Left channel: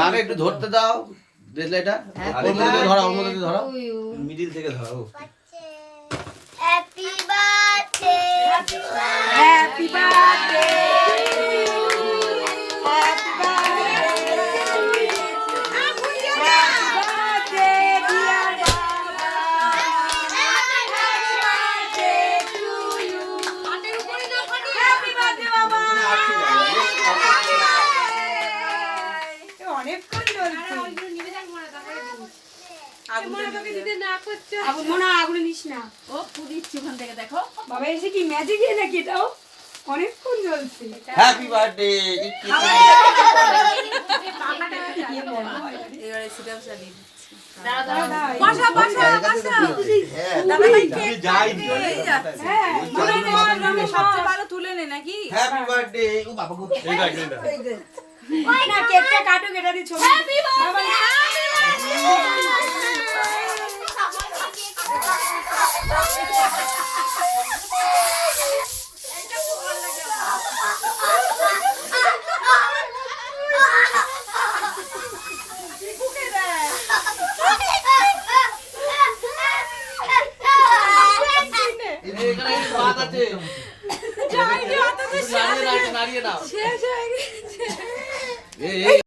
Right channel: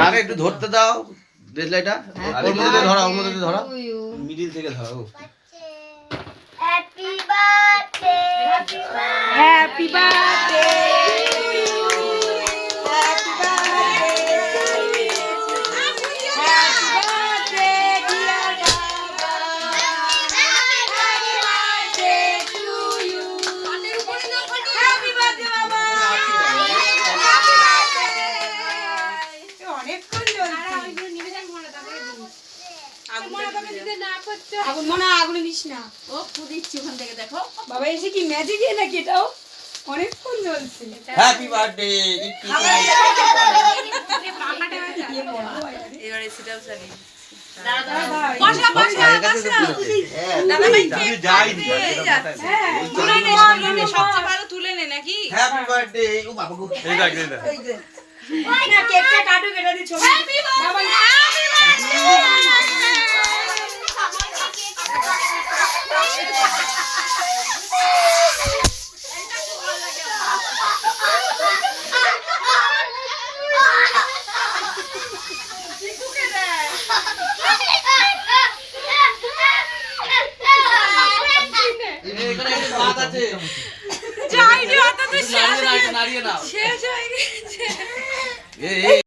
আগে একটু ধরতে দাও দেশলাইটা ওর মধ্যে ধরো ওর মধ্যে ধরো মিডিল থেকে ধরো হ্যাপি বার্থডে হ্যাপি বার্থডে আগুনে দিস না ও পুদিচ্ছি ওখান থেকে দেখো বাবা এসে কি ম্যাজিক এ নাকি এটাও অনেকক্ষণ জ্বলছে হ্যাপি বার্থডে এবারে সিটাও চালি বসা বসা দাদা ভাই কেক যাইনি হ্যাঁ সবচেয়ে ভালো তুলে নে নাকি হ্যাপি বার্থডে ও বাবা গো এই দেখ না কেকটা কাটো কেটে দি ছবি বাবা শেষ হয়ে গেছে